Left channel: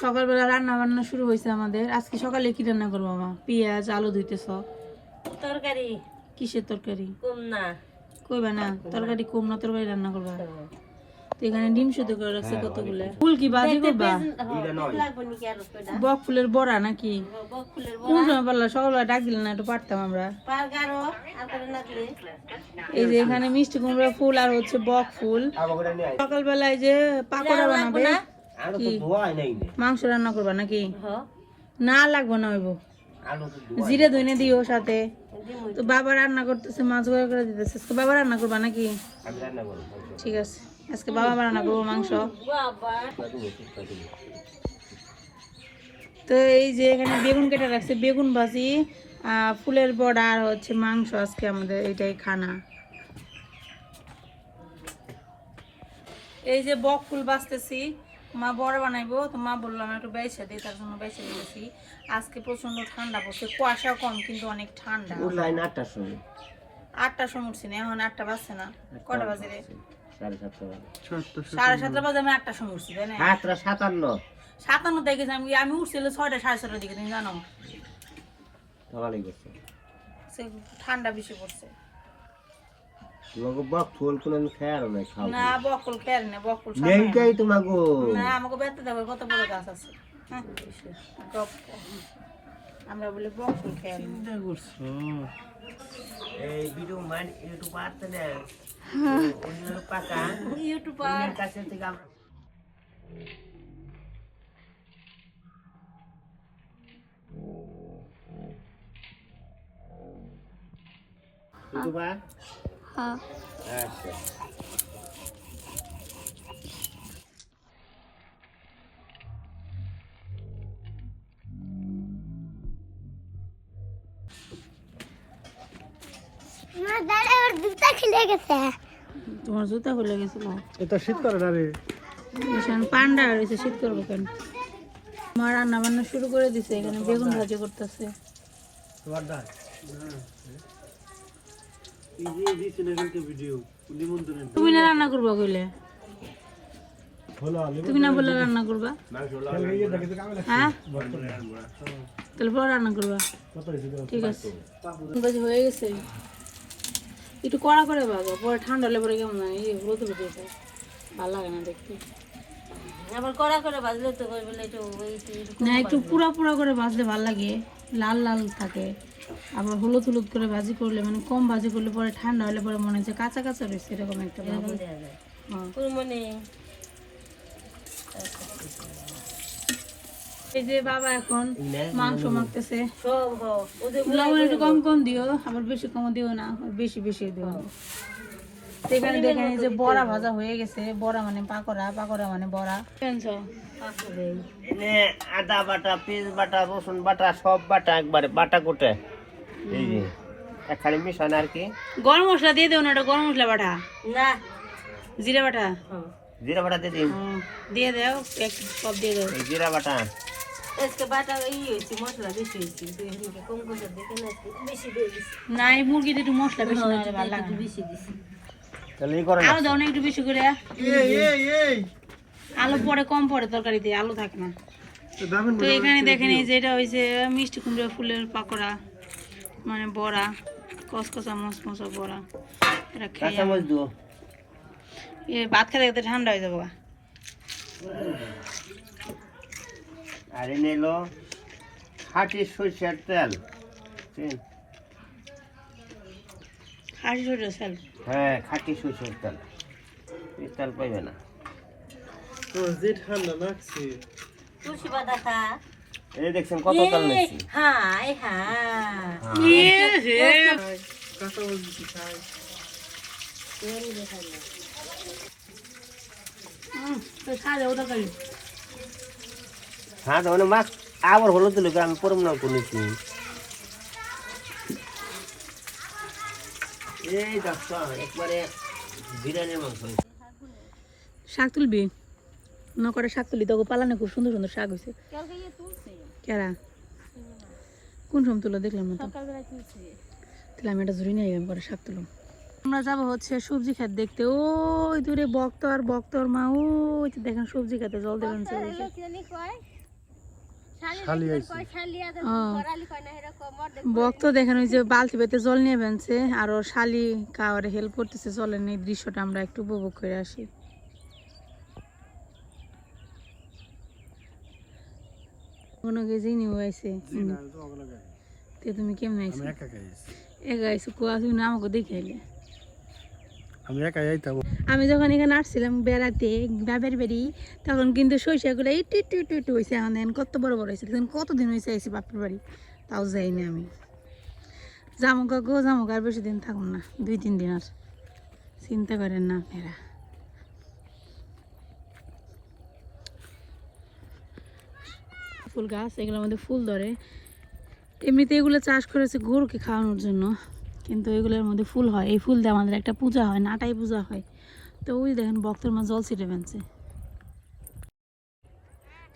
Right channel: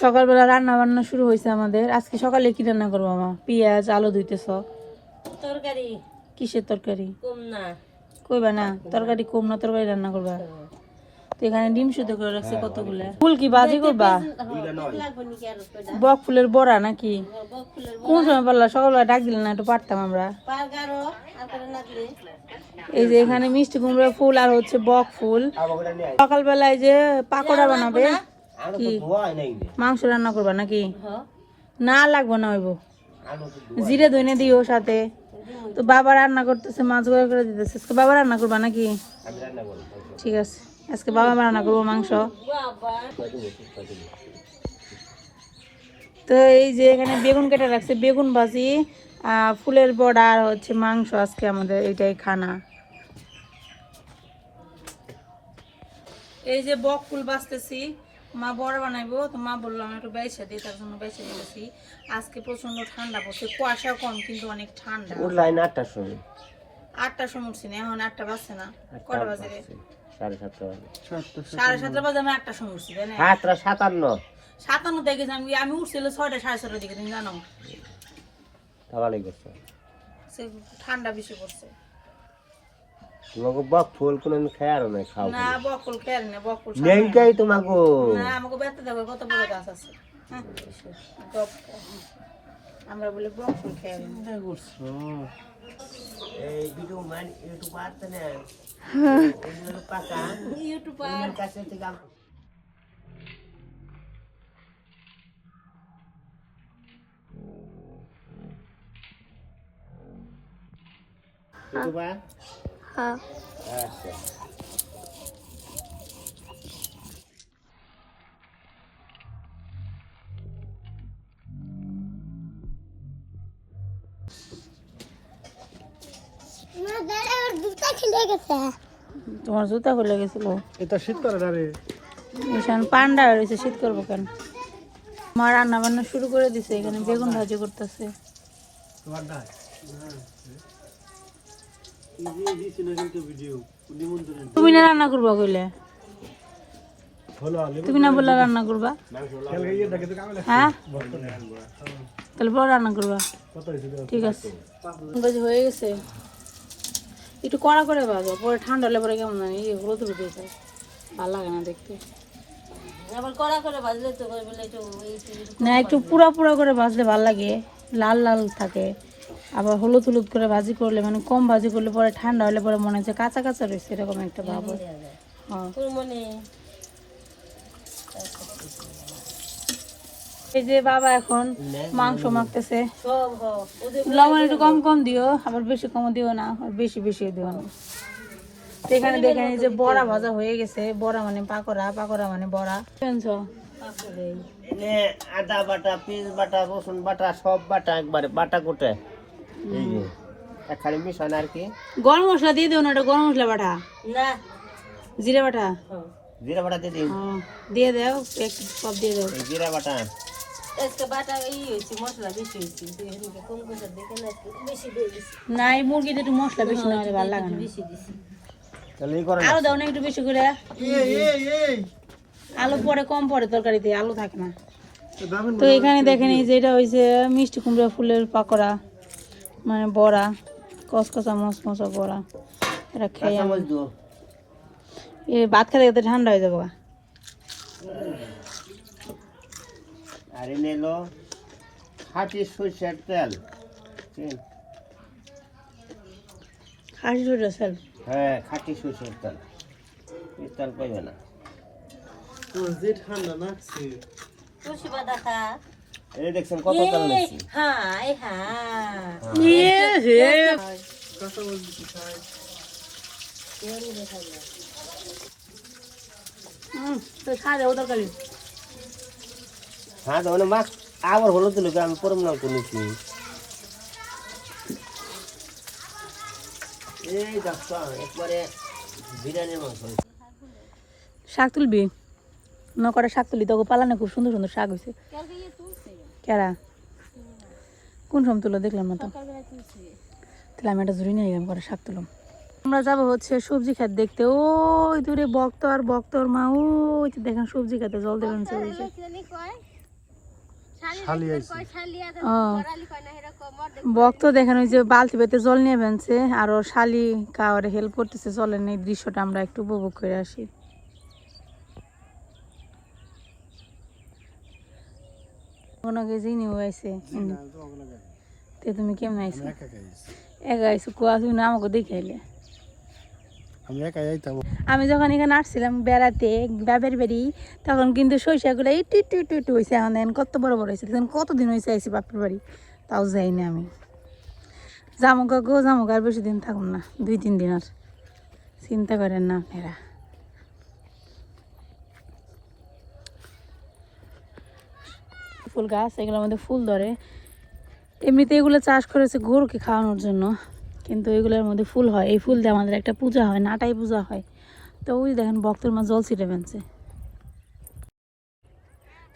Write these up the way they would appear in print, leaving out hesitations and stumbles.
সকালবেলা রান্না বান্না শুরু হয়েছে আমাদের। আজকে সকালে কি রান্না করবো মা? পেঁয়াজ আলু ধুইতেছ? তরকারি। কিসের তরকারি? কম না কইবা না তরকারি কম না, তরকারি রান্না করবা। তো এখানে ডিম সিদ্ধ করে রাখছে কতগুলো। ফুল কি ভাজি করবা? বক ফুলের বড়া নাকি? কোন সময় পারলা? সকালবেলা ডাক দিলে না, একটু পারতাম আমরা। এই যে এখানে মিষ্টি কুমড়া ফুল আর হচ্ছে বক ফুল। সকালবেলায় যে পাকোড়া বানাবে। কি মাংস রান্না করবা নাকি? না লাগবো না, হইব জিরে ধনে দিও সাথে। তো বাবা রান্না করতেছে, মাছ করে দিতেছে। আজকে বাবা রান্না করবা নাকি? ঠিক আছে, আজকে বাবা রান্না করবো মাংস। তো এই যে এখানে বেগুন কেটে রাখছে, বেগুন ভাজি, ফুলের বড়া আর হচ্ছে মাংস। আজকে আমাদের এটাই খানা। এই যে বক ফুল বাঁচতেছি, মা বড় বানাইবো, তো মা বললাম একটু বেছে দিই, তার জন্য বেছে দিয়েছি। আজকে প্রচন্ড ঠান্ডা পড়ছে, কুয়াশা কম কিন্তু অনেক ঠান্ডা। 8টার সময় 8টার সময় উঠছি না, এখন 8টা বাজছে না। কটা বাজে রে? 7:30 7:30 বাজে। আমি 8টার সময় উঠছি, তাই না? 57 থেকে আমি উঠছিল 6টা 6:30 দিকে, তুমি জানো। ঠান্ডা বেশি পড়ছে। তোমাকে বক ফুল কোন খেয়ার না খাও না বক ফুল খেয়াল না, বক ফুল নেই কাই তোমাকে না। আমাকে বেতে দেবে, কত বড় গাছ আছে। হ্যাঁ আমরা বলি বক ফুল খেয়াল না করছো। এই ভিডিও মান ইউটিউবার তে না ওই পাকা ইউটিউবার কাছে থেকে ইউটিউবার। হ্যাঁ আচ্ছা। তোমার জুতা খুলে গেছিল? এটা শীত করে না রে, ঈশান পান্ডা হয়েছে, শীত করবো কেন? মা রান্না বান্না শুরু করে দিছে, এখানে বেগুন ভাজি করতেছে। তুমি না রান্না করবা কইলে? তুমি না বললা রান্না করবা? হ্যাঁ তাহলে পরে রান্না করবা, ঠিক আছে। হয়ে গেছে, একটু কড়া করে ভাজো, পরে ঠান্ডা হলে পরে কেমন জানি হলুদ হলুদ হয়ে যায়, ভালো লাগে না দেখতে। আবার কড়া করে ভাজলে তো না, একটু পুরা পুরা করে ভাজলে ভালো লাগে, লাল লাল থাকে। আবার হলুদ হলুদ করে ভাজি করলে, মানে কম ভাজি করলে পরে ঠান্ডা হলে পরে মনে হচ্ছে কাঁচা কাঁচা রয়েছে, এরকম একটা ভাব। এই যে বাবা এখন মাংস মাখতেছে। লবণ একটু কম কম দিও, আবার বেশি কম দিও না, আর বেশি বেশি দিও না। এখানে দেখেন এই যে বড়া ভাজা হয়ে গেছে। বড়া মানে পাকোড়া, পাকোড়া মানে বড়া। আদা বাটা, পিস বাটা, রসুন বাটা, সব বাটা একবারে বাটা কোটে। এই যে খালি মিশান আর কি। গরম মশলা দিয়ে দিও না, ওটা গরম মশলা বাটা না, জিরা বাটা। জিরা বাটা দিয়ে দিন, দিয়ে দাও, সব দিয়ে দাও। জিরা বাটা আজকে বাটা হয়েছে, মশলা বেশি হয়েছে, কম করে দেখে না বেশি দিয়ে দিছি। না, এই মুরগিতে একটু মশলা বেশি না হলে ভালো লাগে না। বেশি দিছি। তাহলে এই করেন আলু দাও না একটু বেশি করে। আলু পরে কম পড়ে তরকারিতে, আলু থাকে না। তো এখানে দেখেন এই যে এটা হয়েছে মিষ্টি কুমড়া ফুলের পাকোড়া, মানে বড়া, কসকসা মশমশা বড়া। এটা খেয়ে ভাত খেতে খেতে ঠান্ডা হয়ে যাবো। আর এনে এলো খাঁটি সরষের তেল। খাসি সরষের তেল? হ্যাঁ, খাঁটি সরষের তেল, এই তেল পাইবে না। তুলসী পাতা খা। এই দেখছেন কত তেল নিচ্ছি। হাই হ্যাঁ, হ্যাঁ তাহলে মাছ আবার হলো তো আমি পরম না করেছি। এই দেখো একবারে বিরিয়ানির মাংস। শাক তুলবি না? কটা শাক তুলি, তোকে পালানে খুব সুন্দর সুন্দর শাক হয়েছে। কেরা কোন সময় তুলো দেখলাম না তো, তাহলে আমি একটা জুড়ি নিয়ে গেলাম, কটা শাক তুললাম। আমরা যাবো হচ্ছে সবজি খেতে দেখতে। ওই দূরে বক্তর মা, ওই দেখেন সবজি খেতে জল দেবেন। বক তো দেখেন ওই যে বালতি বেতে জল নিয়ে বেনছে আর ওর শালি কাওয়ারে হেল্প করতেছে, চলেন এই দৃশ্যটা আমরা একটু উপভোগ করে আসি। কোনো কেজি নিয়ে আইছে তে তুমি কেমন আইছো? একা আইছো কুয়া, তুমি না আমাকে দেখাইলে। আমি যখন এখানে আসছিলাম বেড়াতে বাবের বাড়ি, তখন কিন্তু সরিষাগুলো একটু একটু একটু একটু হয়েছে, এখন কত বড় বড় হয়েছে। কতদিন হয়েছে আইসি বাপের বাড়ি, তাও যাইনি আমি। জামুকা গো জামুকা, আর বেশি দিন থাকুন না, 2-3 দিন আর, চিন্তা করেন না আপনারা। ফুল গাছ, এগুলোর মধ্যে ফুল ধরে। এমনিতে এগুলো চাষ করেছে গরুকে খাওয়ানোর জন্য, কিন্তু এগুলোর মধ্যে ফুল হয়। এই ফুল দিয়ে আমাদের একটা পূজা হয়, নাটাই পূজা হয়। তো ওই দেখেন ভক্তের মা জল ছিটে বেনছে।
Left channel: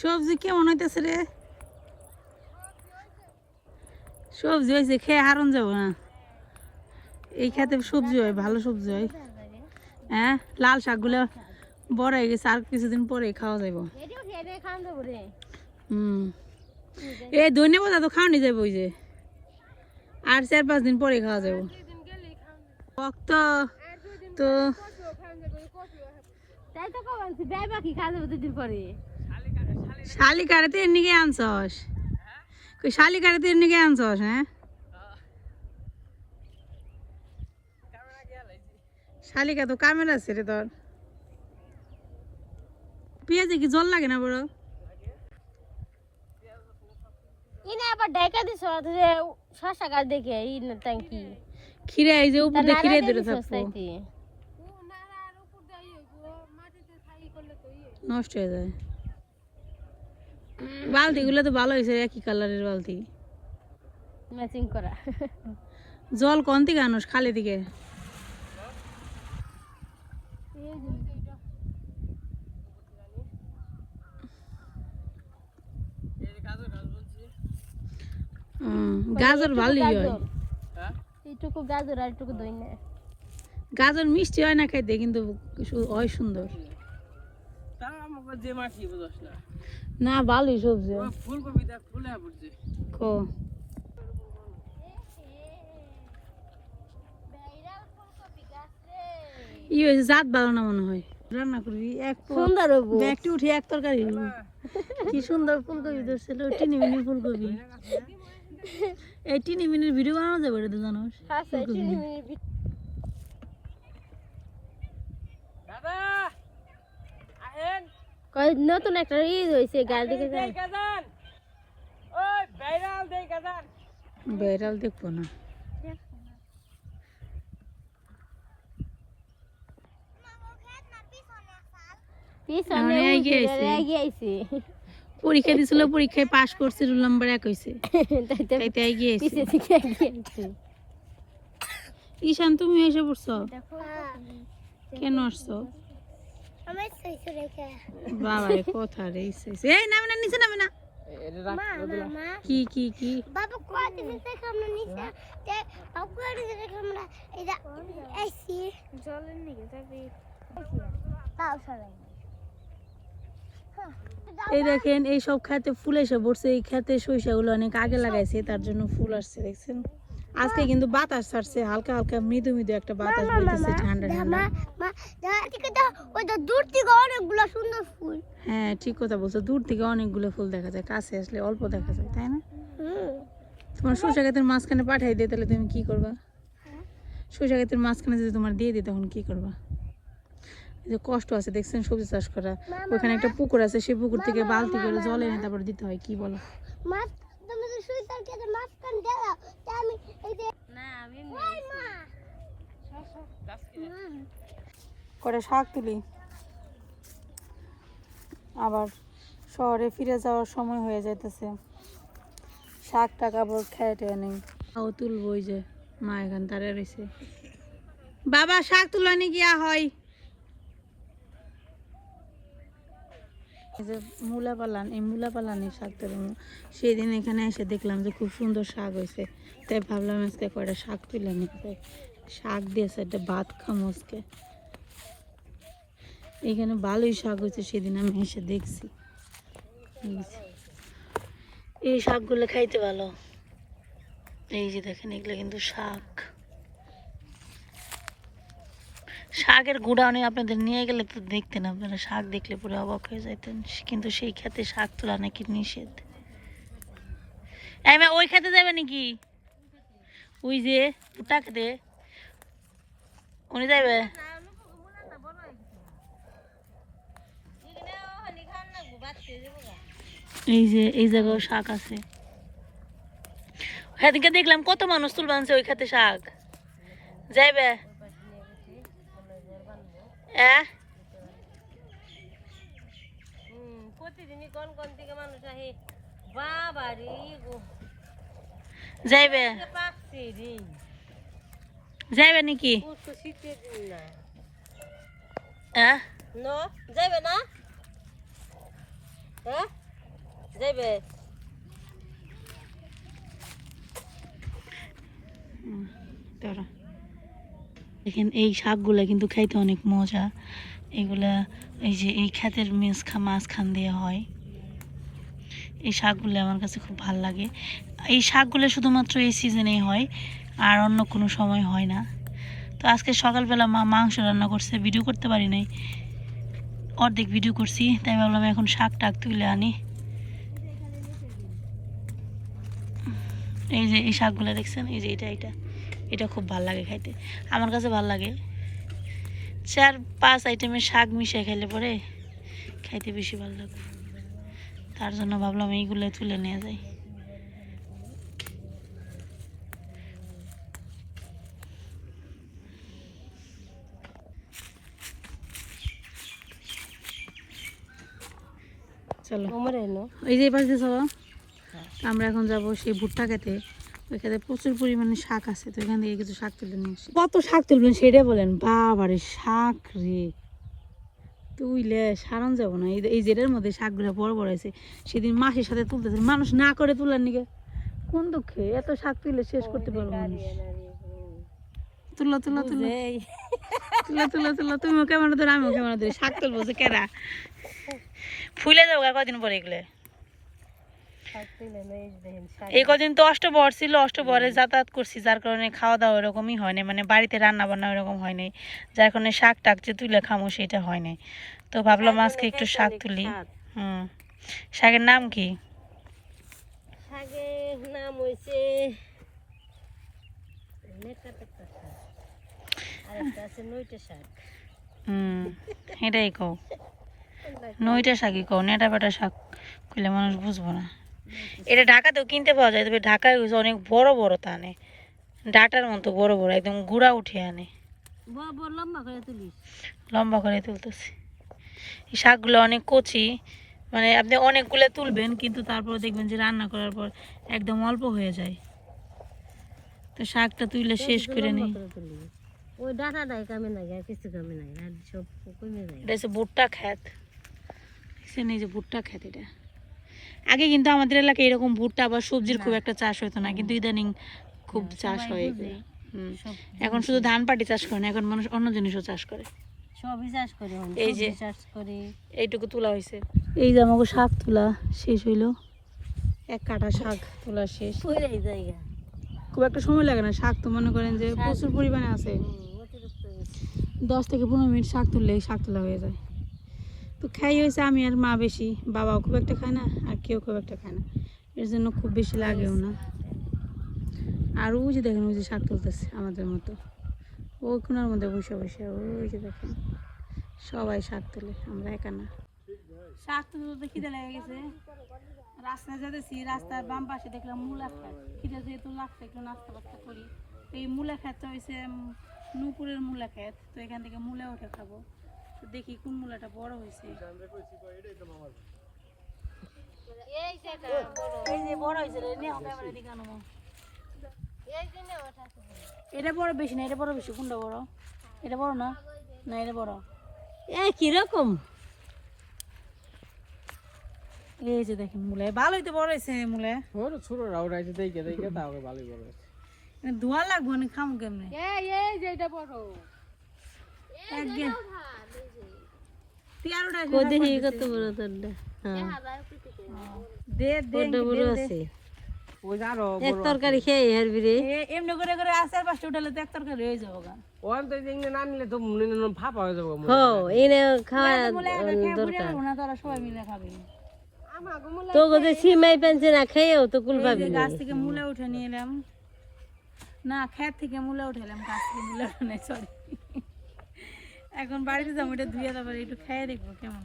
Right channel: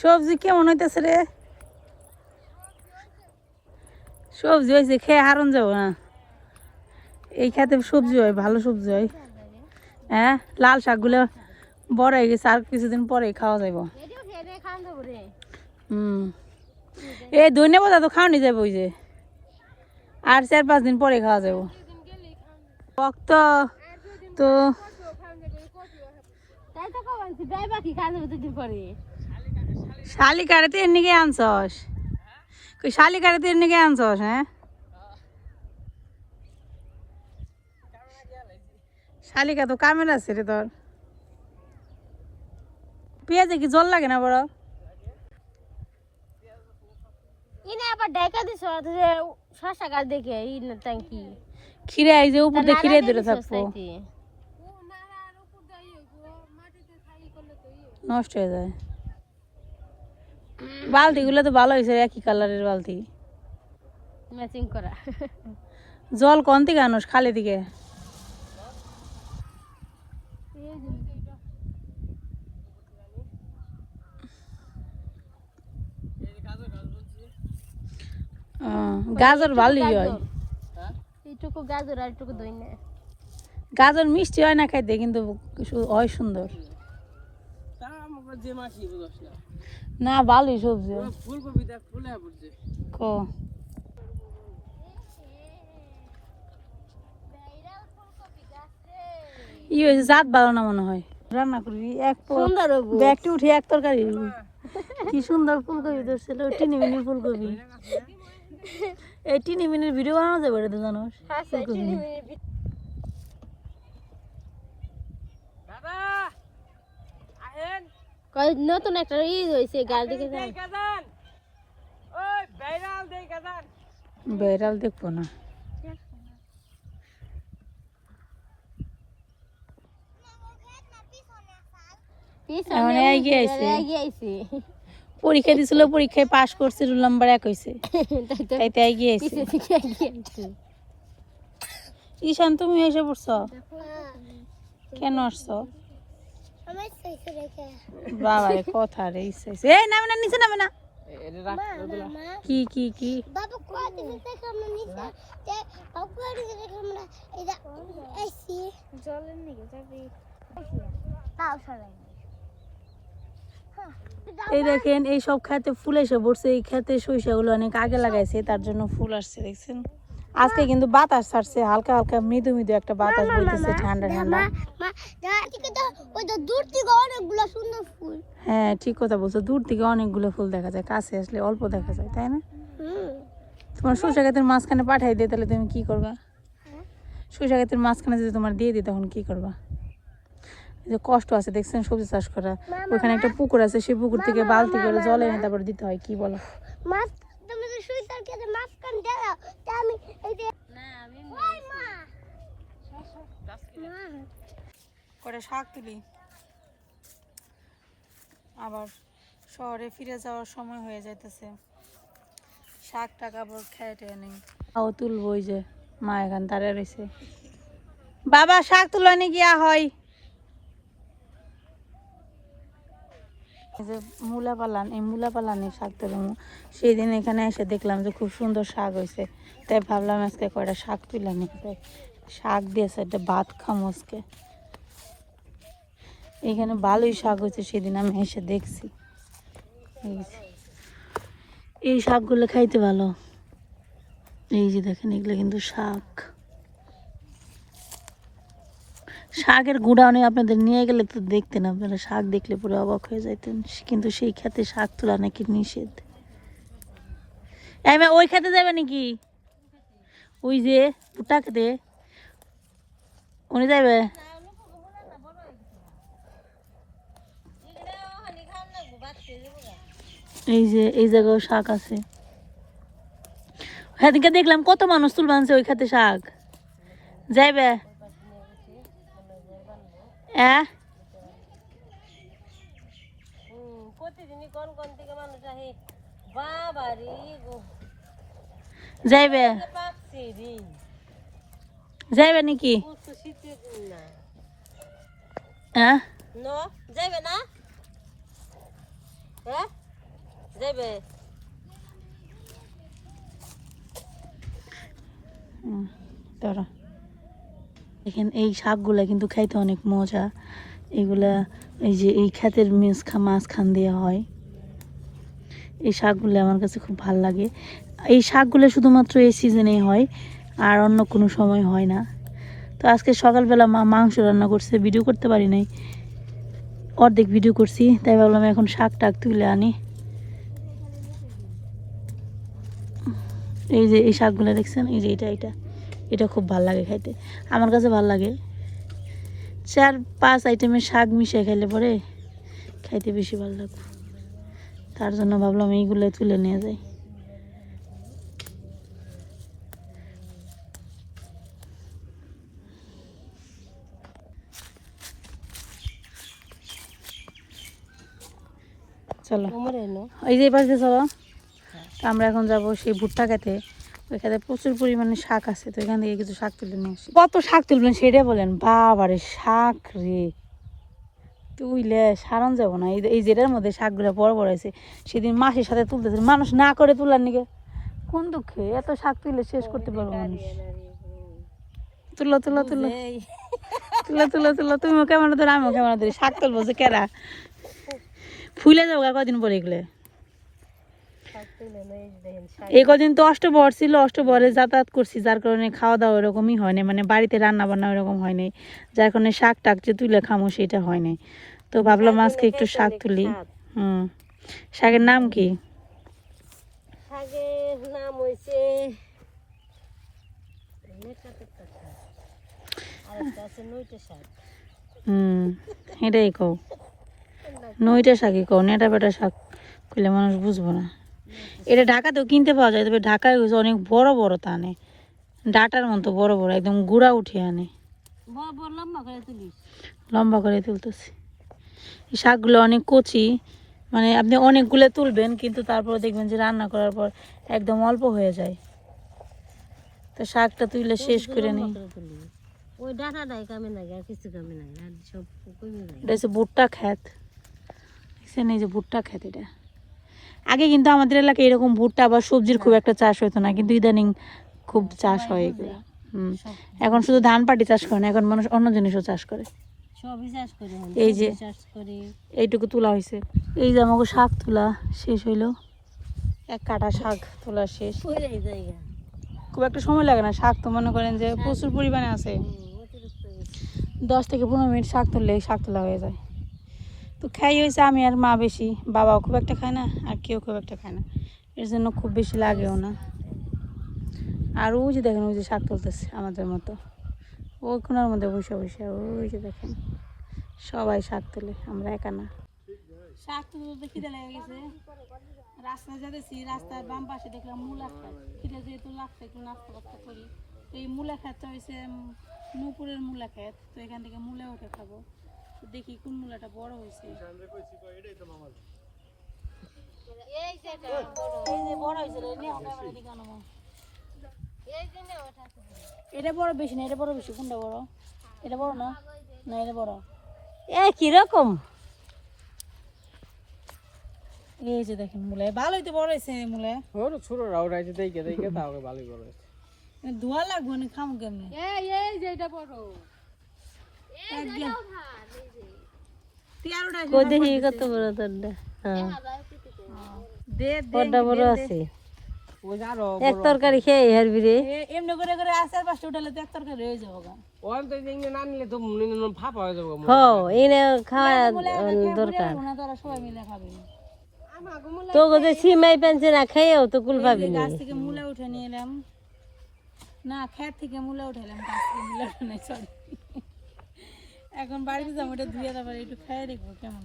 সবজি কেমন হইতেছে রে? সবজি হয়েছে, খেয়ে হারন যাবো না। এই খেতে সবজি হয়, ভালো সবজি হয়। হ্যাঁ, লাল শাকগুলো বড় হয়ে গেছে, আর কিছুদিন পরে খাওয়া যাবো। এই ধনিয়া পাতা তো খাওয়ানি যাবো, ওই যে আর 4-5 দিন পরে খাওয়া যাবো। ভক্ত তো শালিকারে তো এমনি গিয়ে আনছস, শালিকারে তো এমনি গিয়ে আনছস। হ্যাঁ, শালিকা তো কামের আছে রে তোর। পেঁয়াজে কি জল লাগে না বড়? খিরে এই যে উপর দিয়ে খিরে ধরে থাকবো, নষ্ট হয়ে যায়। বালতি গুলো তো ভালো হয়েছে, একই কালারের বালতি, ম্যাচিং করা। জল কোন থেকে আনোস? খালি দিকে? গাজর ভালোই হয়। এইটুকু গাজর আর এইটুকু দই না। গাজর মিষ্টি হয় না খাইতে, কিন্তু হয় সুন্দর। না ভালোই সবজি। কো ই হয়েছে, জাত ভালো না মনে হয়। রান্না করবি এক ব্যাগটি উঠে এক তরকারি। কি সুন্দর ফুলকপি ধরছিল, টিনিমিনি ফুলকপি। এই টিনিমিনির ভিডিও বানানো যাবে, এটা তো জানোস? ফুলকপি নতুন একটা ঈদ হয়েছে, গাড়ি দেখে বেড়াল দেখবো না। পরীক্ষা দিছিল, পরীক্ষায় পাশ করছে, রোল নাম্বার 1 হয়েছে। ঈশান তুমি এসে পড়ছ কেন? আসছো বাবা রে, কথা রে। এই নামে না, নিচে নামে না। কি কি কি এই দেখেন, এই সব খেতে ফুল এসে পড়ছে। এই খেতে সরিষাগুলো অনেক আগে লাগাইছে, তার জন্য ফুল আসছে, দেখছেন? আজকে কিন্তু বাতাস ছাড়ছে, হালকা হালকা মৃদু মৃদু একটা বাতাস বইতেছে, ঠান্ডা ঠান্ডা। হ্যাঁ, ঠিক কথা বলছো, দূর থেকে অনেকগুলো ফুল দেখা যায়, কাছে আসলে অল্প দেখা যায়, তাই না? তোমার সরিষা ক্ষেতের মাঝখানে পাঠাই দিয়ে, তাহলে তুমি কি করবা? সরিষা ক্ষেতের মাঝখানে যদি তোমার দিয়ে দিই, তখন কি করবা? যে কষ্ট আছে, দেখছেন, সবজি চাষ করা। ওইখানে একটা পুকুর আছে, সেই পুকুর থেকে বালতি করে জল এনে তারপর দিতে হয়। কি বলো? করে শাক তুলি, আবার শহরে ফিরে যাওয়ার সময় হয়ে যাইতেছে। শাক টাক আবার খেয়ে নেই, তাও তুলবো। ওই যে মা এখান তারা রয়েছে। বাবা শাক তুলানি গিয়া হয়। যে মূলা পালান, এই মূলা পালানে শাক তুলে। সেই দিন এখানে এসে দেখলাম যে খুব সুন্দর শাক হয়েছে, তাই ভাবলাম আজকে কয়টা শাক তুলে নিতে। শাক দিয়েছে, একটা ভাত খামো আজকে। এখানে ভালোই শাক হয়েছে, সেদিন আমি এসে দেখছি। এই শাকগুলো খাইতে ভালো। এই যে দেখেন এগুলো কিন্তু শাক, শাকের গুঁড়া অনেক আপনাদের নিয়ে গেলে তো দেখতেন, আপনারা শাক দেখলে পুরো অবাক হয়ে যাইতেন, কিন্তু সেই খেতে শাক তোলা নাকি নিষেধ। ওই খেতে যাবে নাকি? ওই যে ভুট্টা খেতে উনি যাবে। এই যে এই জায়গায় শাক আছে, সেদিনকে দেখলাম কত মানুষ তুল বানছে ওই খেতে শাক। যাইবে যাইবে যাইবে নাকি? যাবে না, যাবে দেখেন এই শাকগুলা কিন্তু খাইতে অনেক মজা। এগুলা এই যে এই ক্ষেতের মাঝখান দিয়ে হয়, এই শাকগুলো আমার কাছে খুব ভাল লাগে। এই শাকগুলো শুধুমাত্র এই সিজনেই হয়, আর অন্য কোনো সময় হয় না। তো আজকে সকালবেলা মা মাংস রান্না করছে, ভিডিও করতে পারি নাই, অর্ধেক ভিডিও করছি, তাই ভাবলাম এখন শাক টাক তুলে আনি। এই যে এই শাকগুলো দেখছেন, এই যে এটা খুব ভাল লাগে খাইতে, আমার কাছে ভাল লাগে। 4-5 আইটেমের শাক মিশিয়ে খাইলে পরে খাইতে বেশি ভালো লাগে, তার জন্য ভাবলাম এইগুলো তুলে নিয়ে যাই। চলো এই যে পাশে চলো, আমরা এখন যাবো সেই ভুট্টা খেতে। ওই খেতে প্রচুর পরিমাণে শাক আছে, তো এখান থেকে কিছু শাক তুলে নিয়ে আসি। কত শাক তুলবেন সেটা বলেন, বাবারে শাক রে, তুইলে সারণ যাবো না। এই যেটার মধ্যে শাকগুলো বড় বড় আছে, সেদিন মাসের সাথে তুলতেছে, মানুষ না করে তোলার নিকে, কোন দুঃখে এত শাক তুলে শেষ করতে পারবো মানুষ। তুলো তুলো তুলো তুলো তুলো তুলো, তুমিও কেমন ধরো আমিও কেমন ধরি, শাক তুলবো যে কেরা ফুলে যাবো কদিন পরে এগুলো। এই কদিন তো অষ্টবর ছিল, অষ্টবরে যাতায়াত করছি, যার কারণে খাওয়া দাওয়া ওরকমই হয় না, মানে বাড়িতে রান্না বান্না ওরকম হয় নাই, যার কারণে শাক টাক যে তুলে খামো সেটা হয় নাই। তো ভাবলাম আজকে একটু শাক তুলি। শাকের নাম কি? শাকের নাম হয়েছে এটাই কও, নইটা শাকই কও, নেটা বেটা শাক কইলে মানুষ বুঝবো না। এটা ঢাকাতেও কিনতে পাওয়া যায়, তবে ঢাকায় হয়েছে অনেক বড় বড়, তা আনে ডাটার মতো বড় বড়, একদম গুঁড়া উঠে আনে, লম্বা করে তুলতেছি। এই শাকগুলো অনেক কচি, মানে আপনি অনেকগুলো তুলবেন, কিন্তু তারপর দেখবেন যে রান্না করার পর একদম অল্প হয়ে যায়। তো শাকটা তুলে শেষ করে নিই। এটা হচ্ছে ভুট্টা ক্ষেত, দেখছেন এই যে ভুট্টা ক্ষেত। এটা আগে কিন্তু আমাদের এলাকায় এরকম ভুট্টা বা সবজির খুব একটা চাষ হতো না, কিন্তু ইদানিং খুব চাষ হয় এগুলো। এখন শুধু ধান পাটি চাষ করে না, এখন মানুষ অন্য জিনিসও চাষ করে। এই যে এইটুকু তোলা হয়েছে, এই যে আমাকে শাক তোলা শেষ হইলো, এক কাটা শাক তোলা শেষ। খুব একটা সময় লাগে না, শাক তো মনে করেন যে প্রচুর পরিমাণে আছে, 10 থেকে 15 মিনিট শাক তুললে শাক তোলা হয়ে যায়। তো খাই হয়েছে আমি আর মা বেশি, বাবাও খুব একটা খায় না, আর কেউ খুব একটা খায় না, এর জন্য খুব বেশি লাগেও না। আর ওই যে দেখেন ওই যে শাক তুলতেছে আমাদের মতো, ওই কোনার মধ্যে বসে বসে, ওই যে দেখেন সবাই শাক তোলে, আমরা একা না। শাক তুলতে খিদে লেগে গেছে, রাস্তায় যেতেছি, রাস্তার বাম পাশে দেখলাম মূলা খাত, খিদে যেহেতু লাগছে একটু নাস্তা বাস্তা করি। এই মূলা খাতটা হয়েছে নূপুরের মূলা খাত, তো এখান থেকে মূলা উঠে খাবো। তো দেখি কোন মূলাটা বড় হয়েছে, এই যে বড় হয়েছে রে, নিয়ে ক্যামেরা দিকে আনো। এটা বড় বেশি না, এটা বড় বেশি, কোনটা বড়? এটা বড় না, না এটা বড়, কিরকম? এই যে দেখেন মূলা ভালোই তো বড় হয়েছে, মূলা ছোট রাউড আছে, দেখে দেখে তাহলে ভালোই বড় হয়েছে। ধোয়া লাগবে না, খামো কেমনে? কত বড় তোর হ্যাঁ দে বড় বড় আছে এক তরকারি খেয়ে হারবি রে এমনি করে করে আচার পাঁচটা উঠালে তো এক তরকারি হয়ে যাবো গা এনে খাওয়া দরকার না তারা সবাই মিলে খাবে তো যে সিমাই পেনছে না খেয়েও তো কুল পাবি না। গাছ থেকে মূলা উঠে নিয়ে এলাম না খেত থেকে মূলা উঠালাম গাছ থেকে মূলা উঠে নাই সরি এখন বাড়িতে যাবো এটা ধুয়ে তারপরে একটু খেয়ে দেখবো কেমন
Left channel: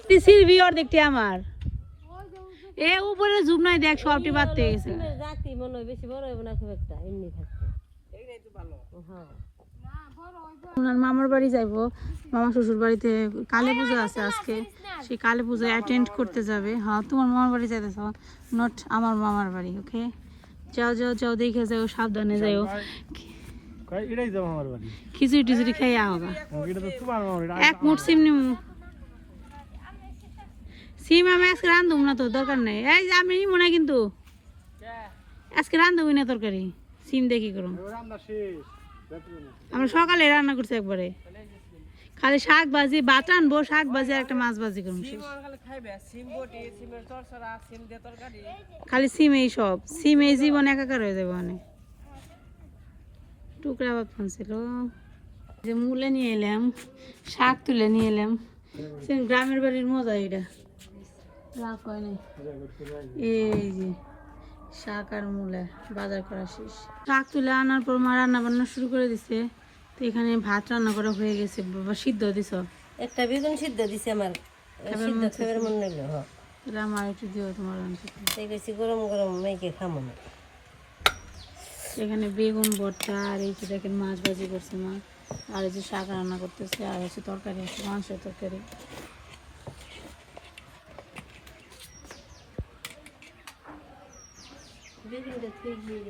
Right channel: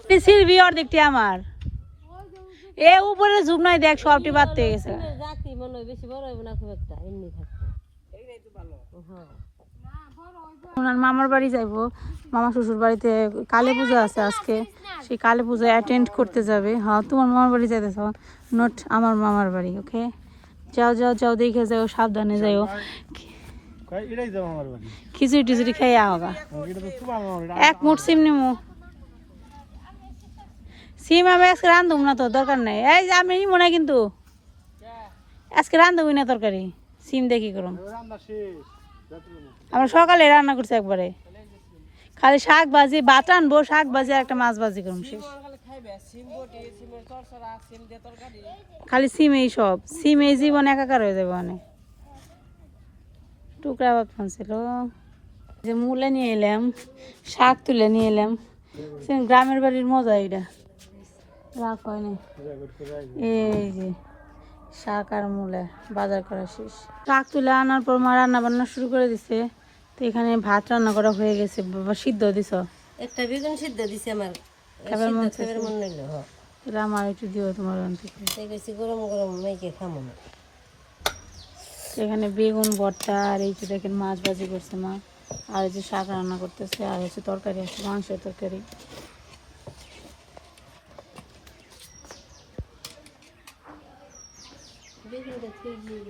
হয়েছে সিরবি ওর দেখতে আমার এ উপরে ঝুপ নাই দেখ সবটি বাড়তে গেছে জাতি মনে হয় বেশি বড় হইব না খুব একটা এমনি থাকতে ওনার মামার বাড়ি যাইবো মামা শ্বশুর বাড়িতে কালী পুজো আছে আজকে সেই কালী পুজো অ্যাটেন্ড করতে যাবে হ্যাঁ তোমার মামার বাড়ি যাইতেছ নট আমার মামার বাড়ি ওকে যাও যাও যাও দেখে যাও সাবধানে যাও খিচুড়ি টিচুড়ি খাইয়া হোগা এক মুঠ সিম নিমু সিম আমি আজকে রান্ধুম না তো দরকার নাই এই যে আমি নিমু না কিন্তু আজকে রান্ধবই না তরকারি সিম দেখি করুম আমরা সকালে রান্না করছি একবারে খালি শাক ভাজি বাটা আনবো শাক ভাজি আর একটা মাছ ভাজি করুম শেষ খালি সিম এই সব সিম এই জীবন একাকার হয়ে যাবে অনেক টুকরা ভাত ফানছিল যে মূলে নিয়ে এলাম শাক তুলে নিয়ে এলাম গ্রামের বাড়ির মজা এটা রাখ হয় না এই যে শাক আর মূলে বাজার করা শেষ শাক তুলে আনার পর মা রান্না বান্না শুরু করে দিছে তো এখানে ভাত রান্না করা হয়ে গেছে বাবা সিদ্ধ দিছ একটা বেগুন সিদ্ধ দিছে আমার খাবার মন খাবার মন লাগলো হ্যাঁ তাহলে আমার একটু দিও তোমার তাই কইছি গরম গরম মেয়েকে খামো না এখানে বেগুন ভর্তা আর এই যে দেখেন মাছ ভাজি করছে মা আর এই যে শাক রান্না করতেছে আর হচ্ছে তরকারি আছে মাংসের তরকারি বেগুনটা ঠিক দিয়ে